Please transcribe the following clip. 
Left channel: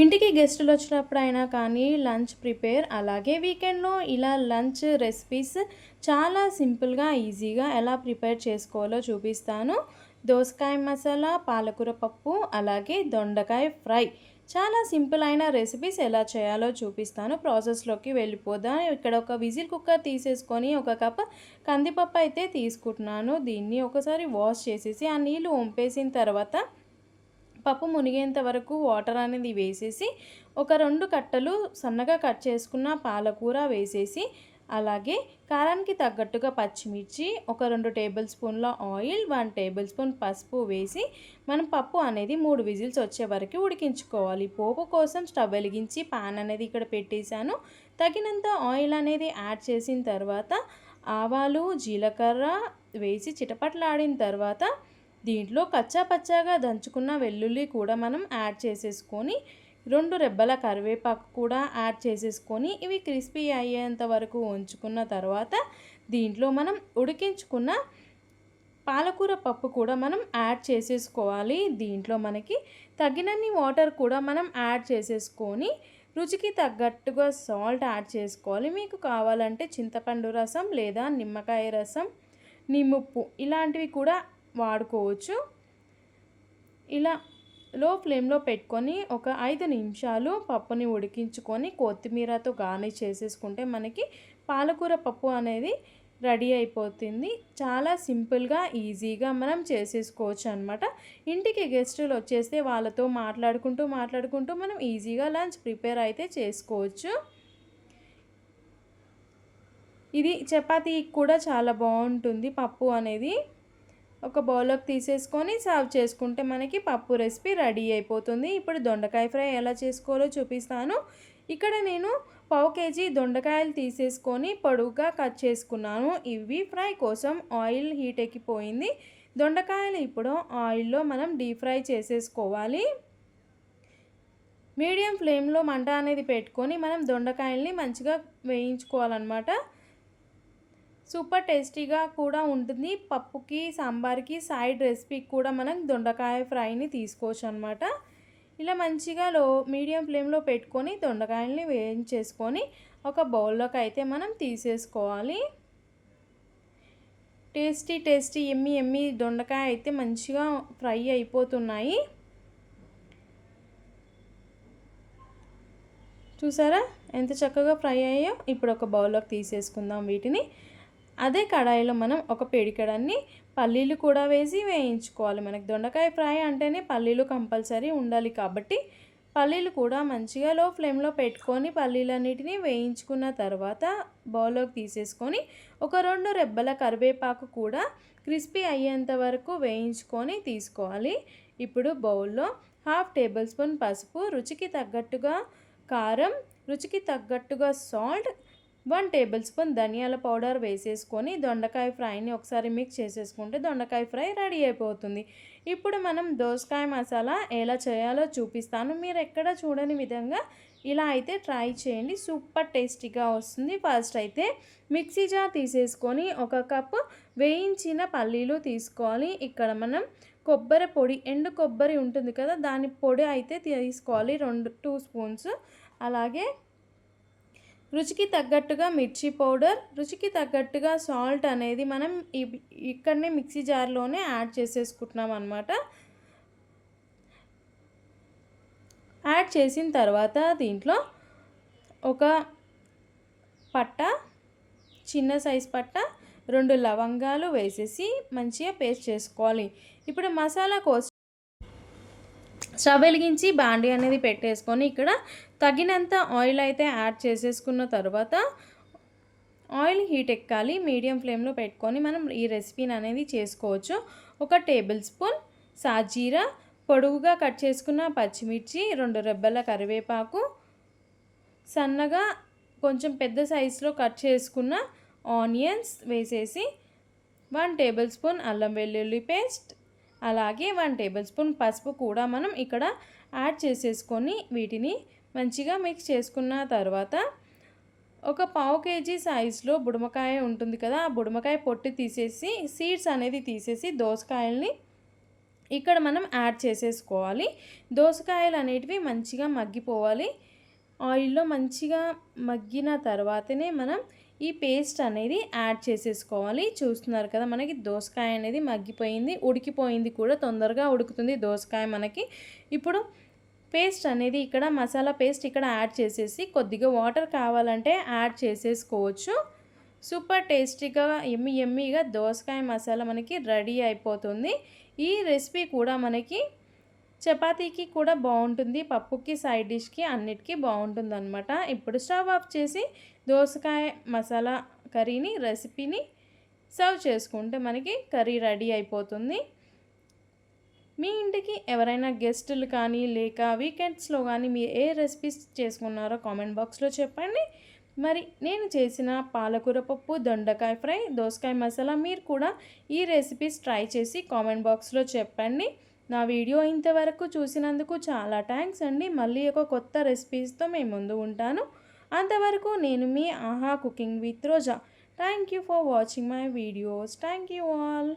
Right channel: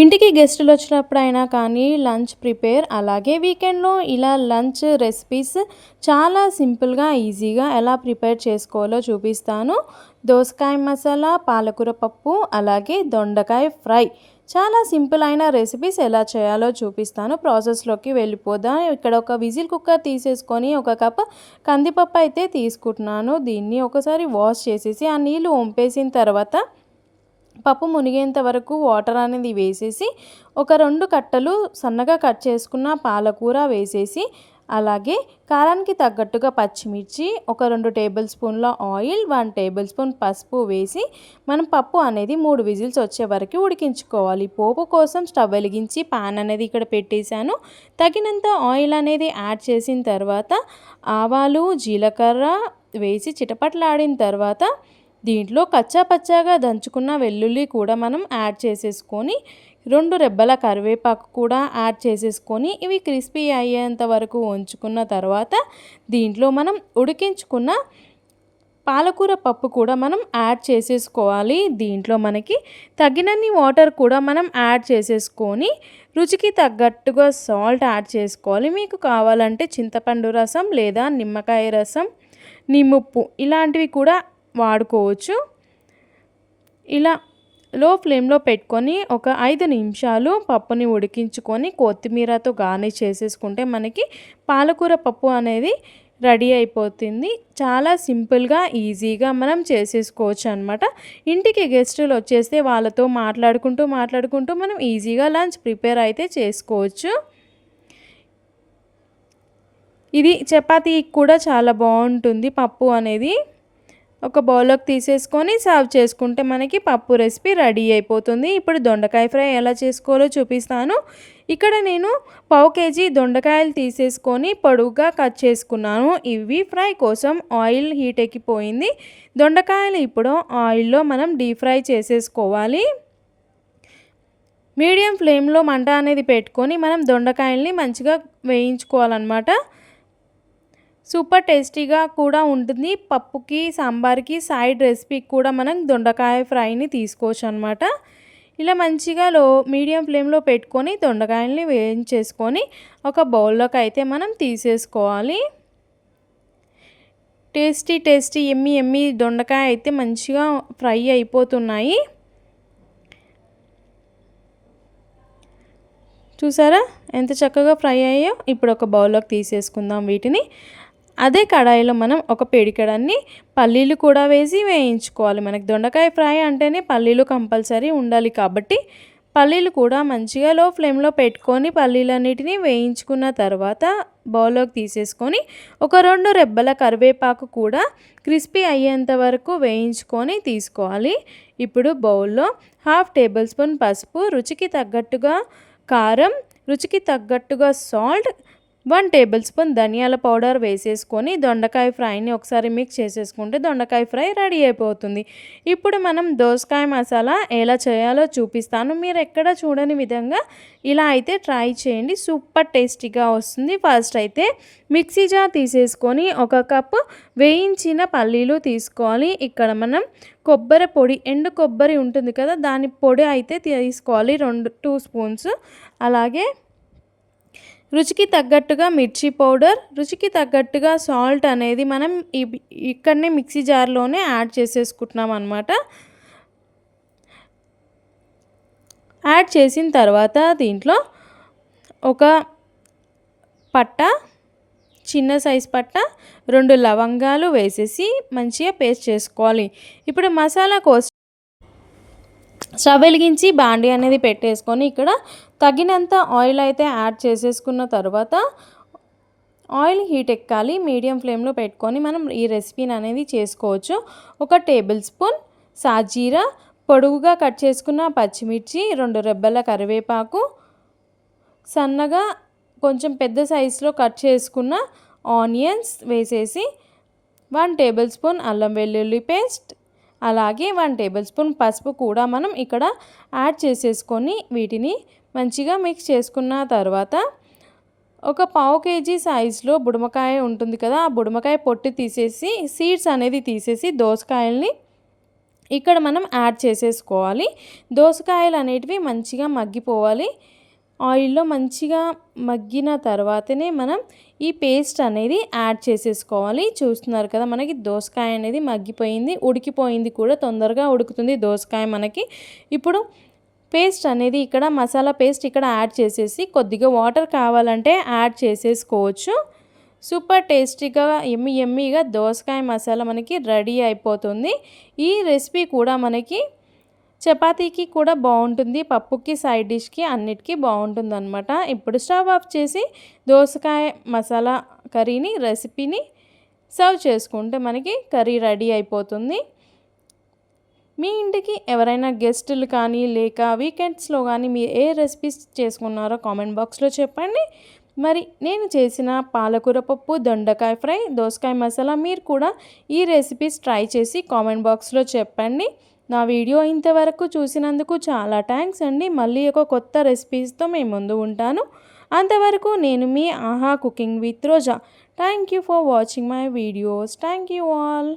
ఇంటికి గెస్టులు వచ్చినప్పుడైనా కానీ lunch prepare అలాగే వీకెండ్లో ఇలా లంచ్ రెసిపీస్ చాలా సింపుల్గా ఈజీగా ఎలా ప్రిపేర్ చేసుకోవాలో చూపిస్తాను. దోసకాయ మసాలా, పాలకూర పప్పు, అలాగే దొండకాయ ఫ్రై, చాలా సింపుల్ అయిన రెసిపీస్ ఎలా చేయాలో చూపిస్తాను. ప్రాసెస్లోకి వెళ్ళిపోదాం. ఇక్కడ ఒక విజిల్ కుక్కర్ తీసేసుకొని ఒక కప్ కందిపప్పు అయితే తీసుకుంటున్నాను. దీన్ని ఒకసారి వాష్ చేసేసి ఆ నీళ్ళు వంపేసిన తర్వాత పప్పు మునిగేంత వరకు వాటర్ అనేది వేసేసి ఒక 2 కట్టలు సన్నగా కట్ చేసుకున్న పాలకూర వేసేసి, అలాగే కారానికి తగ్గట్టుగా పచ్చిమిర్చి, ఒక 2 టేబుల్ స్పూన్ల ఆయిల్, 1 టేబుల్ స్పూన్ పసుపు వేసి మనం పప్పు అనేది 3 విజిల్స్ వచ్చే వరకు ఉడికించుకోవాలి. పోపు కోసం స్టవ్ వెలిగించి పాన్ అనేది ఇక్కడ పెట్టేశాను. తగినంత ఆయిల్ అనేది యాడ్ చేసిన తర్వాత ఆవాలు, జీలకర్ర వేసి చిటపటలాడిన తర్వాత దీంట్లో కచ్చా పచ్చాగా దంచుకున్న వెల్లుల్లి కూడా మనం యాడ్ చేసేసుకొని 2 రెబ్బల కరివేపాకు కూడా యాడ్ చేసేసుకొని ఇవి క్రిస్పీ అయ్యేంత వరకు ఉంచుకున్న తర్వాత దీంట్లో మనం ఉడికించుకున్న పాలకూర పప్పు కూడా మనం యాడ్ చేసేసుకోవాలి. దీంట్లో మనకి తగినన్ని వాటర్ కూడా మనం యాడ్ చేసేసుకొని రుచికి తగ్గట్టుగా సాల్ట్ యాడ్ చేసుకోవాలి. మీకు కావాలంటే చింతపండు రసం లేదా నిమ్మకాయ రసం, నిమ్ముప్పు ఇలాంటివి కూడా వాడుకోవచ్చు. ఇలా లో ఫ్లేమ్లో పెట్టుకొని ఒక 5 నిమిషాలు పప్పుని ఉడికించుకొని కొత్తిమీరతో గార్నిష్ చేసేసుకుంటే మనకి పాలకూర పప్పు అనేది రెడీ అయిపోతుంది. చాలా సింపుల్గా ఈజీగా మనం చేసేసుకోవచ్చు అనమాట. ఇంటికి గెస్టులు వచ్చేస్తే వాళ్ళతో మాట్లాడుకుంటూ మనం ఈజీగా లంచ్ ప్రిపేర్ అయితే చేసుకోవచ్చు. ఇది చపాతీకి కూడా చాలా బాగుంటుంది పప్పు అనేది. ఒక బౌల్లోకి తీసేసుకొని సర్వ్ చేసుకుంటే మనకి పప్పు రెసిపీ రెడీ అయిపోతుంది. ఇప్పుడు దొండకాయ ఫ్రై ఎలా చేసుకోవాలో చూపిస్తాను. ఇక్కడ నేను పావు కేజీ దొండకాయలు తీసేసుకొని పొడువుగా కట్ చేసుకున్నాను. ఇవి ఫ్రై కోసం ఆయిల్ హీట్ ఎక్కిపోయింది. దొండకాయలు ఇప్పుడు ఆయిల్లో మనం డీప్ ఫ్రై చేసేసుకోవాలి. మీడియం ఫ్లేమ్లో మంట అనేది పెట్టుకొని మనం దొండకాయల్ని మంచిగా వేయించుకోవాలన్నమాట. సూపర్ టేస్టీగా కూడా ఉంటుంది. పప్పుకి, సాంబార్కి సైడ్ రెసిపీకి కూడా మనం దొండకాయ ఫ్రైని తీసుకోవచ్చు అనమాట. ఇలా మంచిగా మీడియం ఫ్లేమ్లో పెట్టుకొని దొండకాయల్ని వేయించేసుకొని ఒక బౌల్లోకి అయితే మనం తీసేసుకోవాలి. టేస్టీ ఎమ్మి దొండకాయ అయితే మంచిగా ఫ్రై అయిపోతున్నాయి. చూసారా ఎంత చక్కగా ఫ్రై అయ్యాయో. ఇప్పుడు ఒక బౌల్లోకి తీసేసుకుందాం వీటిని. అదే కడాయిలో మనం ఒక పిడికెడన్ని పల్లీలు కూడా వేసి వేయించుకోవాలి. మనకి దొండకాయ ఫ్రై అంటేనే పల్లీలు కంపల్సరీ ఉండాలి కాబట్టి పల్లీలు కూడా మంచిగా లో ఫ్లేమ్లో పెట్టుకొని పల్లీలన్నిటిని వేయించుకున్న తర్వాత బౌల్లోకి తీసేసుకొని ఒక 2 రెబ్బల కరివేపాకు కూడా క్రిస్పీ అయ్యేంత వరకు వేయించుకొని తీసుకోవాలి. ఇప్పుడు బౌల్లో 1/2 టేబుల్ స్పూన్ పసుపు, రుచికి తగ్గట్టుగా కారం, రుచికి తగ్గట్టుగా సాల్ట్, 1 టేబుల్ స్పూన్ ధనియాల పౌడర్ వేసేసుకొని దొండకాయ ఫ్రైని ఒకసారి మిక్స్ చేసేసుకుంటే దొండకాయ ఫ్రై రెడీ అయిపోతుంది. ఇప్పుడు మనం దోసకాయ మసాలా ఎలా చేయాలో చూపిస్తాను. మీరు ఎక్కడ చూడని విధంగా ఇలా అయితే ట్రై చేయండి. సూపర్ టేస్టీగా వస్తుంది. ఫస్ట్ అయితే మిక్సీ జార్ తీసేసుకొని ఒక కప్పు వేయించిన పల్లీలు తీసుకోవాలి. ఇక్కడ మనం కొబ్బరి పొడి, ఎండు కొబ్బరి ఉంటుంది కదా, దాని పొడి అయితే తీసుకోవాలి 2 స్పూన్స్. అలాగే రుచికి తగ్గట్టుగా మిర్చి పౌడర్, రుచికి తగ్గట్టుగా సాల్ట్ అనేది మనం ఇక్కడనే మిక్సీ జార్లోనే యాడ్ చేసేసుకుంటున్నాం అనమాట. యాడ్ చేసిన తర్వాత దీంట్లో ఒక పట్ట, చిన్న సైజ్ పట్ట, 2 లవంగాలు వేసేసి మంచిగా పేస్ట్ చేసుకోవాలి. ఇప్పుడు మసాలా కోసం స్టవ్ వెలిగించి బాండీ అనేది పెట్టేసుకొని ఇక్కడ తగినంత ఆయిల్ అయితే యాడ్ చేసేసుకున్న తర్వాత ఆయిల్ హీట్ ఎక్కాలి. మీడియం ఫ్లేమ్లో పెట్టుకొని మనం ఈ రెసిపీని అనేది చేసుకోవచ్చు. ఒక టేబుల్ స్పూన్ సాజీరా, పొడుగుగా కట్ చేసుకున్న పచ్చిమిర్చి, 2 రెబ్బల కరివేపాకు, సన్నగా కొంచెం పెద్ద సైజులో కట్ చేసుకున్న ఆనియన్స్ వేసేసి 1 టేబుల్ స్పూన్ అల్లం వెల్లుల్లి పేస్ట్, అలాగే 1 టేబుల్ స్పూన్ పసుపు కూడా మనం ఇక్కడ యాడ్ చేసేసుకొని వీటిని మంచిగా మిక్స్ చేసుకున్న తర్వాత ఒక పావు కేజీ సైజులో బుడమకాయ ఉంటుంది కదా, ఆ బుడమకాయ పొట్టు తీసేసి సీడ్స్ అనేది తీసేసి దోసకాయల్ని ఇక్కడ మనం యాడ్ చేసేసుకోవాలి. దోసకాయలు అనేటివి మంచిగా మగ్గిపోవాలి. ఆయిల్‌లో మంచిగా మగ్గిన తర్వాతనే మనం ఈ పేస్ట్ అనేది యాడ్ చేసేసుకోవాలి. చూస్తున్నారు కదా, మనకి దోసకాయ అనేది మగ్గిపోయింది, ఉడికిపోయింది కూడా, తొందరగా ఉడుకుతుంది దోసకాయ మనకి. ఇప్పుడు పేస్ట్ అనేది ఇక్కడ మసాలా పేస్ట్ ఇక్కడ యాడ్ చేసేసి కొద్దిగా వాటర్ కావాలంటే యాడ్ చేసేసుకోవచ్చు. సూపర్ టేస్టీగా యమ్మీగా దోసకాయ మసాలా మనకి రెడీ అయిపోతుంది. ఈ రెసిపీ కూడా మనకి చపాతీకి కూడా బాగుంటుంది, పప్పుకి, సైడ్ డిష్కి అన్నిటికీ బాగుంటుందన్నమాట. ఇప్పుడు స్టవ్ ఆఫ్ చేసి దోసకాయ మసాలా కర్రీని రెసిపీని సర్వ్ చేసుకుంటే మనకి కర్రీ రెడీ అయిపోతుంది. మీ ఇంటికి ఎవరైనా గెస్టులు కానీ లేక వీకెండ్స్లో కానీ మీరు ఏ రెసిపీస్ చేసుకున్నారో కామెంట్ బాక్స్లో చెప్పండి. మరి నేను చేసిన పాలకూర పప్పు, దొండకాయ ఫ్రై, దోసకాయ మసాలా మీరు కూడా ఈ రెసిపీస్ ట్రై చేసి కామెంట్ బాక్స్లో చెప్పండి. నా వీడియో ఇంతవరకు చూసినందుకు చాలా థ్యాంక్స్ అండి. మళ్ళీ ఒక కొత్త రెసిపీస్తో మేము ముందు ఉంటాను. అంతవరకు నేను మీ ఆహా cooking with Roja. Thank you for watching my videos. Thank you all.